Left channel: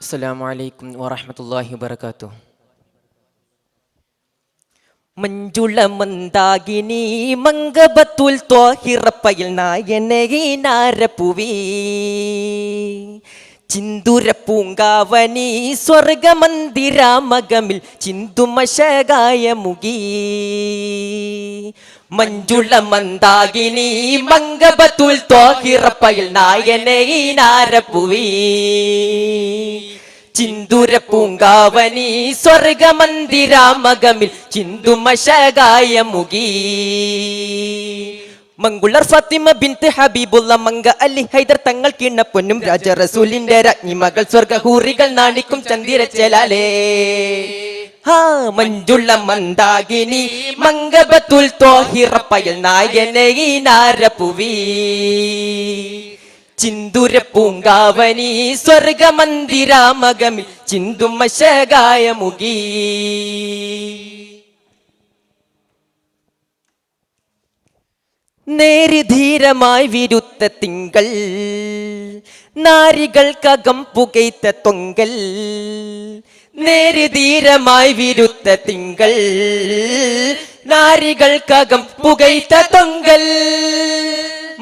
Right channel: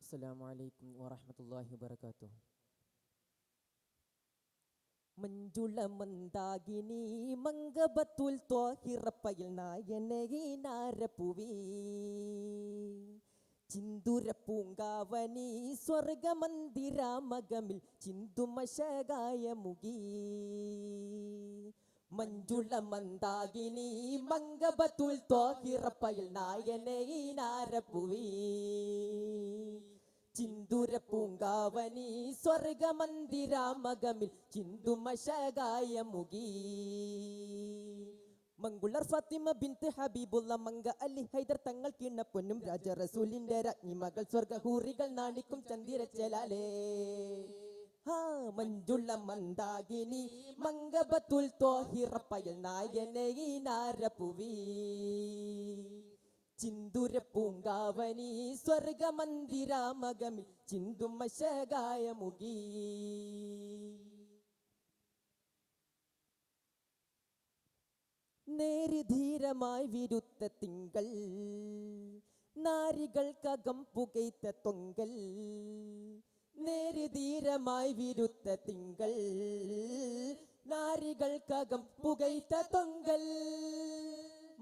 അസ്സലാമു അലൈക്കും വറഹ്മത്തുള്ളാഹി വബറകാതുഹു. മഞ്ജുള മന്ദാകിനി മംഗബത്തുൽ ത്വാഹിറപ്പയിൽ നായനീനാരപ്പുവി ചിന്തുര പൂങ്കാവനി സ്വർഗമന്ദിരാമകമിൽ ചിന്തുമശകായ മുഗി മഞ്ജുള മന്ദാകിനി മംഗബത്തുൽ ത്വാഹിറപ്പയിൽ നായനീനാരപ്പുവി ചിന്തുര പൂങ്കാവനി സ്വർഗമന്ദിരാമകമിൽ ചിന്തുമശകായ മുഗി മംഗുളർ ഫാത്തിമ ബിൻത്ത് ഹബീബുള്ള മങ്ക അലി ഹൈദർ തങ്ങൾ കിണ്ണപ്പൊന്നും രാജ റസൂലിന്റെ രാജ്ഞി മകൾ സ്വർഗഹൂറികൾ നാണിക്കും ചന്ദിരച്ചലാലേ മഞ്ജുള മന്ദാകിനി മംഗബത്തുൽ ത്വാഹിറപ്പയിൽ നായനീനാരപ്പുവി ചിന്തുര പൂങ്കാവനി സ്വർഗമന്ദിരാമകമിൽ ചിന്തുമശകായ മുഗി നേരിധീരമായി വിരുത്ത തിങ്കൾ നാരികൾക്കകം പുകയ്ത്ത തൊങ്കൽ നേരിധീരമായി വിരുത്ത തിങ്കൾ നാരികൾക്കകം പുകയ്ത്ത തൊങ്കൽ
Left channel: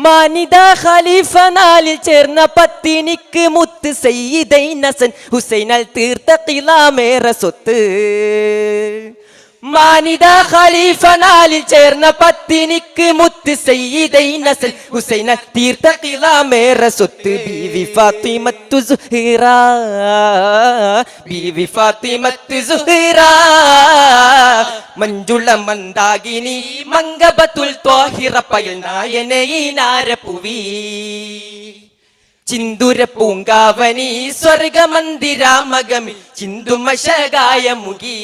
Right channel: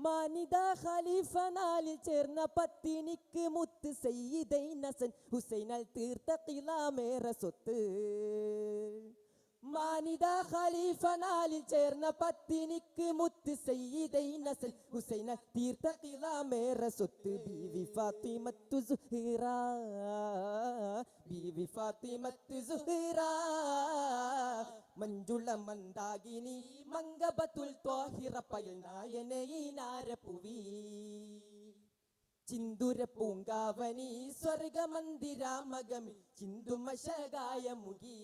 മാനിദ ഖലീഫ നാലിൽ ചേർന്ന പത്തിനിക്ക് മുത്ത് സയ്യിദൈൻ ഹസൻ ഹുസൈനാൽ തീർത്ത ഖിലാമേറെ സ്വത്ത് മാനിദ ഖലീഫ നാലിൽ ചേർന്ന പത്തിനിക്ക് മുത്ത് സയ്യിദൈൻ ഹസൻ ഹുസൈനാൽ തീർത്ത ഖിലാമേറെ സ്വത്ത് ബീവി ഫാത്തിമത്തു സുഹൈറ ബീവി ഫാത്തിമത്തു സുഹൈറ മഞ്ജുള മന്ദാകിനി മംഗബത്തുൽ ത്വാഹിറപ്പയിൽ നായനീനാരപ്പുവി ചിന്തുര പൂങ്കാവനി സ്വർഗമന്ദിരാമകമിൽ ചിന്തുമശകായ മുഗി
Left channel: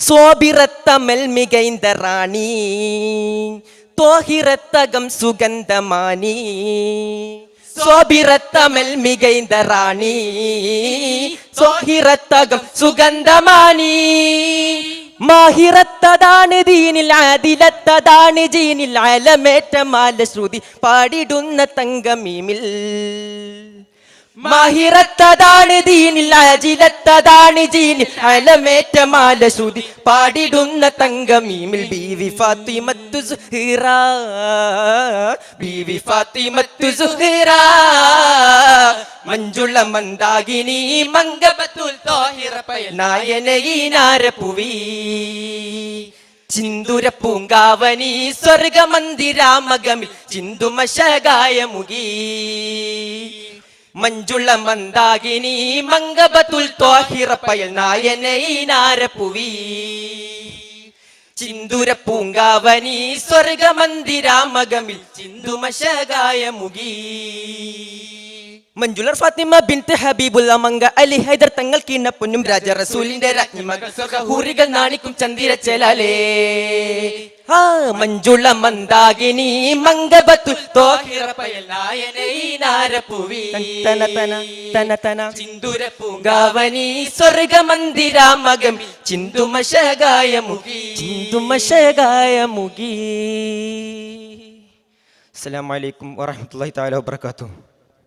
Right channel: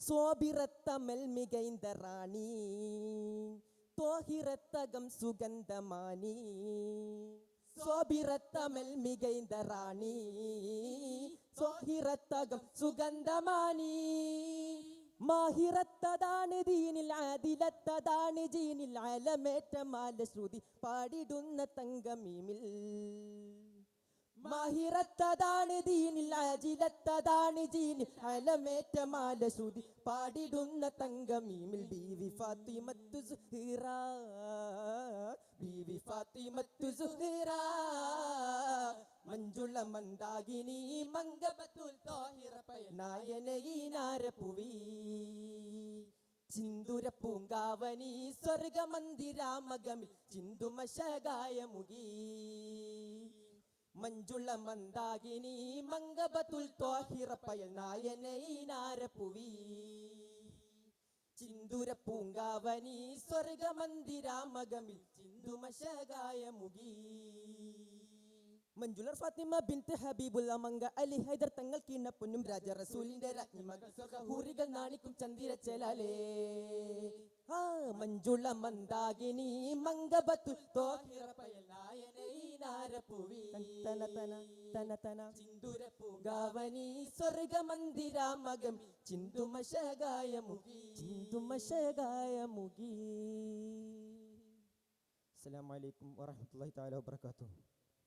സ്വാബിറത്തമൽ മികൈന്ത റാണി ത്വാഹിറത്തകം സുഗന്ധമാനി സ്വാബിറത്തമൽ മികൈന്ത റാണി സ്വാഹിറത്തകം സുഗന്ധമാനി മാഹിറത്തതാണ് ദീനിൽ ആദിലത്തതാണ് ജീനിൽ അലമേറ്റമാല ശ്രുതി പാടിടുന്ന തങ്കമീമിൽ മാഹിറത്തതാണ് ദീനിൽ ആജിലത്തതാണ് ജീനിൽ അലമേറ്റമാല ശ്രുതി പാടിടുന്ന തങ്കമീമിൽ ബീവി ഫാത്തിമത്തു സുഹൈറ ബീവി ഫാത്തിമത്തു സുഹൈറ മഞ്ജുള മന്ദാകിനി മംഗബത്തുൽ ത്വാഹിറപ്പയിൽ നായനീനാരപ്പുവി ചിന്തുര പൂങ്കാവനി സ്വർഗമന്ദിരാമകമിൽ ചിന്തുമശകായ മുഗി മഞ്ജുള മന്ദാകിനി മംഗബത്തുൽ ത്വാഹിറപ്പയിൽ നായനീനാരപ്പുവി ചിന്തുര പൂങ്കാവനി സ്വർഗമന്ദിരാമകമിൽ ചിന്തുമശകായ മുഗി മഞ്ജുളർ ഫാത്തിമ ബിൻത്ത് ഹബീബുള്ള മങ്ക അലി ഹൈദർ തങ്ങൾ കിണ്ണപ്പൊന്നും രാജ റസൂലിന്റെ രാജ്ഞി മകൾ സ്വർഗഹൂറികൾ നാണിക്കും ചന്ദിരച്ചലാലേ മഞ്ജുള മന്ദാകിനി മംഗബത്തുൽ ത്വാഹിറപ്പയിൽ നായനീനാരപ്പുവി ചിന്തുര പൂങ്കാവനി സ്വർഗമന്ദിരാമകം ചിന്തുമശകായ മുഗി ചിന്തുമശകായ മുഗി. അസ്സലാമു അലൈക്കും വറഹ്മത്തുള്ളാഹി തആല വബറകാതുഹു.